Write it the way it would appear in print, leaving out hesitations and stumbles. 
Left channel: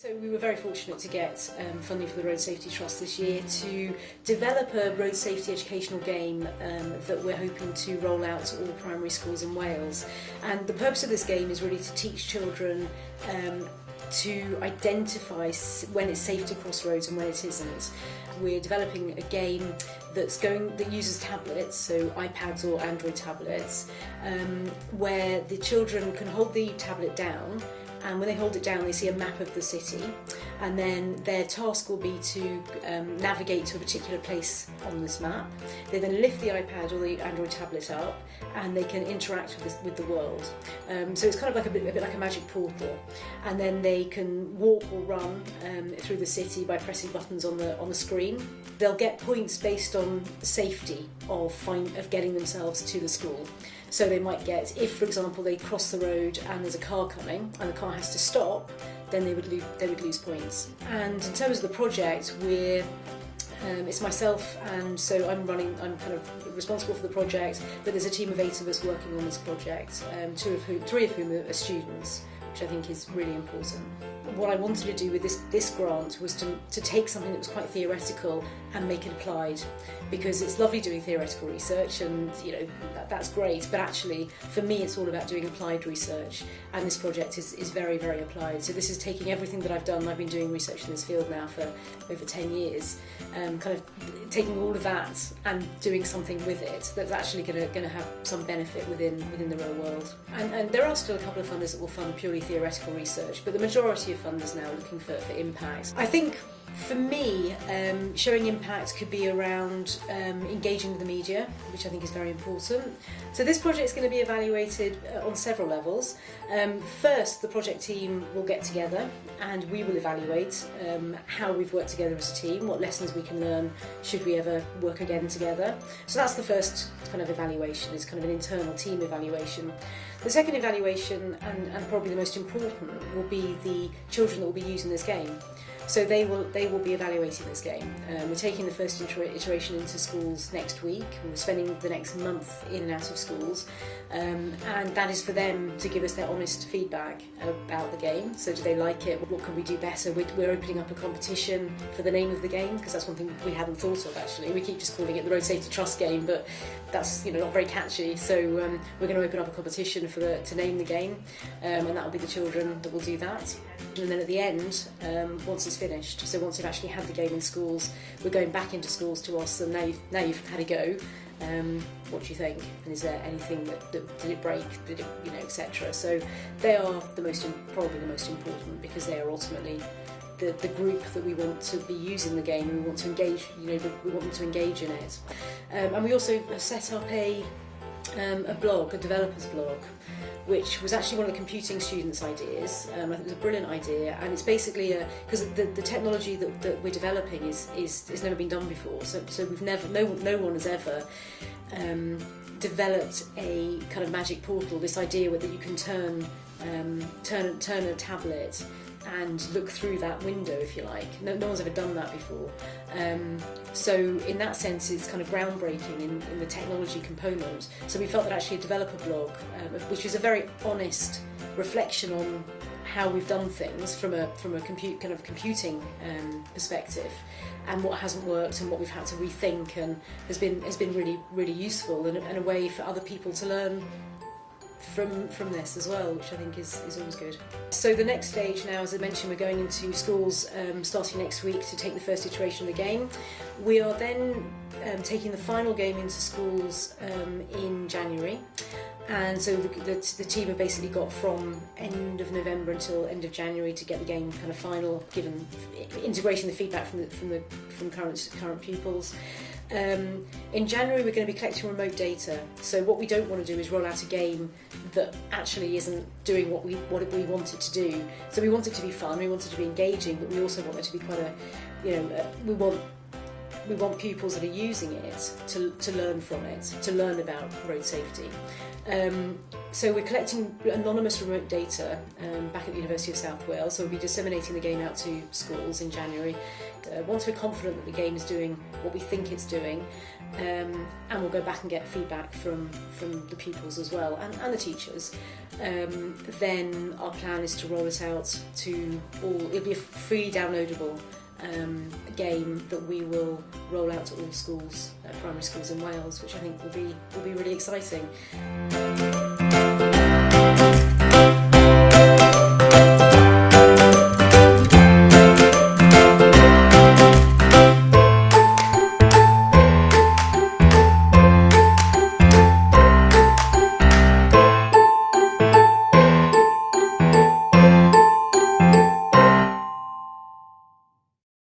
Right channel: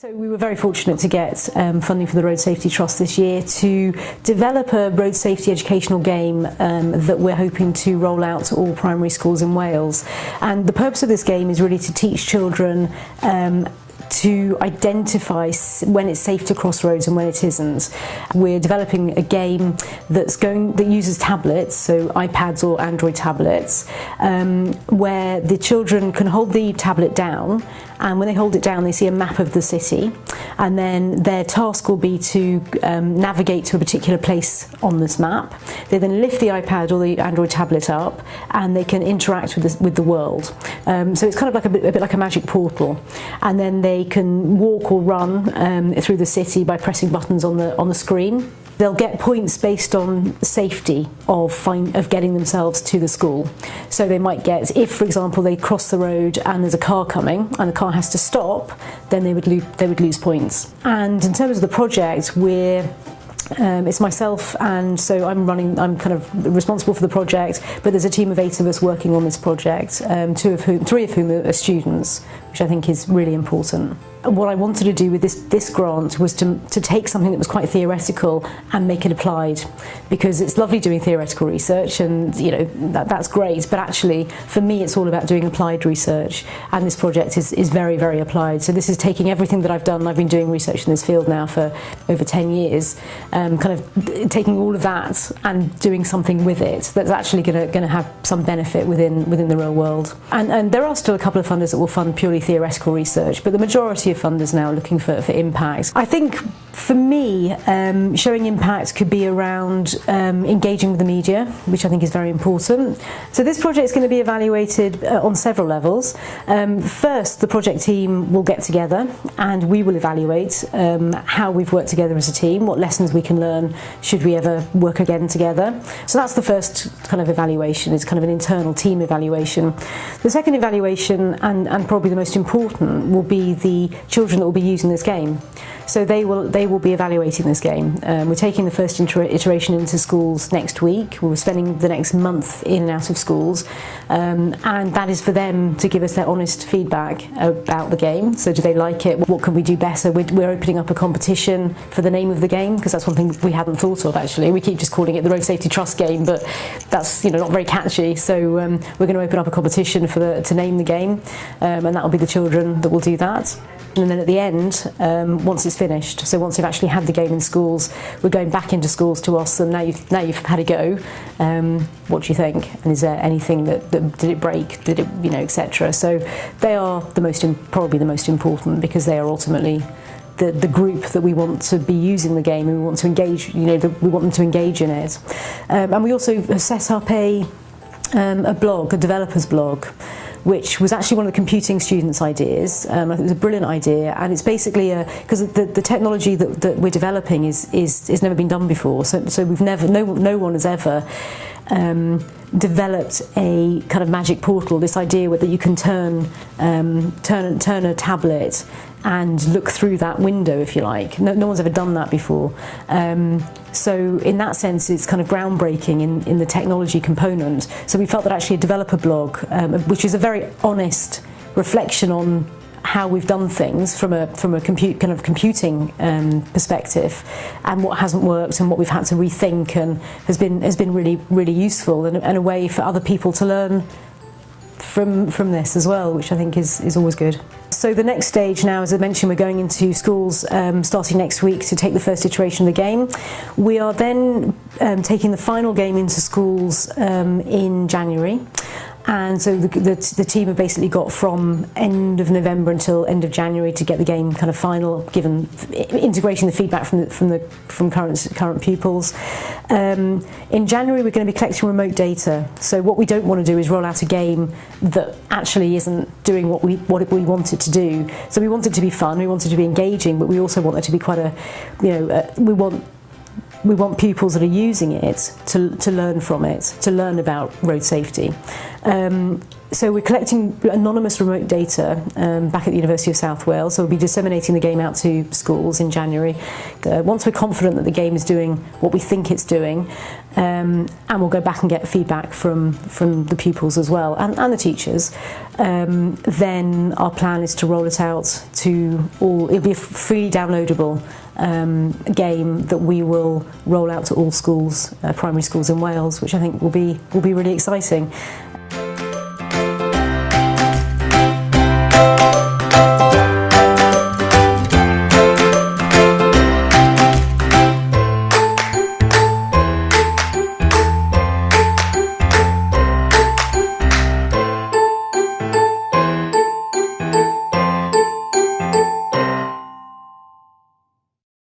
So we were very fortunate to get funding for the Road Safety Trust this year to develop a road safety educational game that we're hoping to roll out to all primary schools in Wales. And the purpose of this game is really to teach children to identify when it's safe to cross roads and when it isn't. We're developing a game that uses tablets, so iPads or Android tablets, where the children can hold the tablet down, and when they hold it down they see a map of the city, and then their task will be to navigate to a particular place on this map. They then lift the iPad or the Android tablet up and they can interact with the world. So it's kind of like a bit like a magic portal, and then they can walk or run through the city by pressing buttons on the screen. They'll get points based on safety of getting themselves to the school. So they might get, if for example they cross the road and there's a car coming and the car has to stop, then they would lose points. And in terms of the project, it's myself, and so I'm kind of responsible for the project, but there's a team of 8 of us working on this project, 3 of whom are students, which I think is really important. What I wanted to do with this grant was to take something that was quite theoretical and make it applied, because it's lovely doing theoretical research and that's great, but actually for me it's all about doing applied research, and this project is very, very applied. So this is taking everything that I've done. I've been doing research in this field now for over 10 years, kind of taking all of that and doing something with it that's actually going to have some benefit within the real world. And there are still a couple of funders that will fund purely theoretical research, but the majority of funders now are looking for impact. I think for me, showing impact could be around engaging with the media, which I think is very important. So this project is going to be evaluated on several levels. First, the project team will get together and we will evaluate how we've worked together as a team, what lessons we can learn should we ever work again together. So that's the first kind of evaluation. It's kind of an internal team evaluation. The second evaluation, and probably the most important, will be the children that will be using this game. So they will be evaluating this game. We're taking the first iteration into schools next week. We're spending the next month in and out of schools, and that is for them to give us their honest feedback about the game. So do they like it? What can we do better? We're opening up a competition for the name of the game, because that's one thing we hadn't thought of actually. We keep just calling it the Road Safety Trust game, but that's not very catchy. So we're going to open up a competition to name the game, and that will be the children that will do that. And then at the end, once it's finished, so once they've actually had the game in schools, we're going back into schools to ask them, now you've had a go, what do you think? And is there anything that did it break, did it, etc. So they are probably the most important, because they are ultimately the group that we want to be using the game, and we want to engage, we want them to engage in it. And we also have set up a blog, a developer's blog, which was actually one of the computing students' ideas. I think it was a brilliant idea, and it's basically because the technology that we're developing is never been done before. So we've no one has ever developed a kind of magic portal. This idea that you can turn a tablet and look through that window, if you like. No one's ever done that before. So in that sense, it's kind of groundbreaking in the technology component. So we felt that actually a developer blog, which is a very honest reflection on how we've done things from a computing perspective, and what hasn't worked and what we've had to rethink, and has been really, really useful, and a way for other people to learn from this as well, which I think is always good. So the next stage now, as I mentioned, we're going into schools starting next week to take the first iteration of the game. We are then taking the final game into schools in January. And so the team have basically got from end of November until end of January to get the game kind of final, given integrating the feedback from current pupils. In January we're going to be collecting remote data. So what we don't want to do is roll out a game that actually isn't doing what we want it to do. So we want it to be fun, we want it to be engaging, but we also want it to be quite we want pupils that are using it to learn from it, to learn about road safety. So we're collecting anonymous remote data back at the University of South Wales, so we'll be disseminating the game out to schools in January. Once we're confident that the game is doing what we think it's doing, and we'll go back and get feedback from the pupils as well, and the teachers, then our plan is to roll it out to all. It'll be a freely downloadable game that we will roll out to all schools, primary schools in Wales, which I think will be really exciting.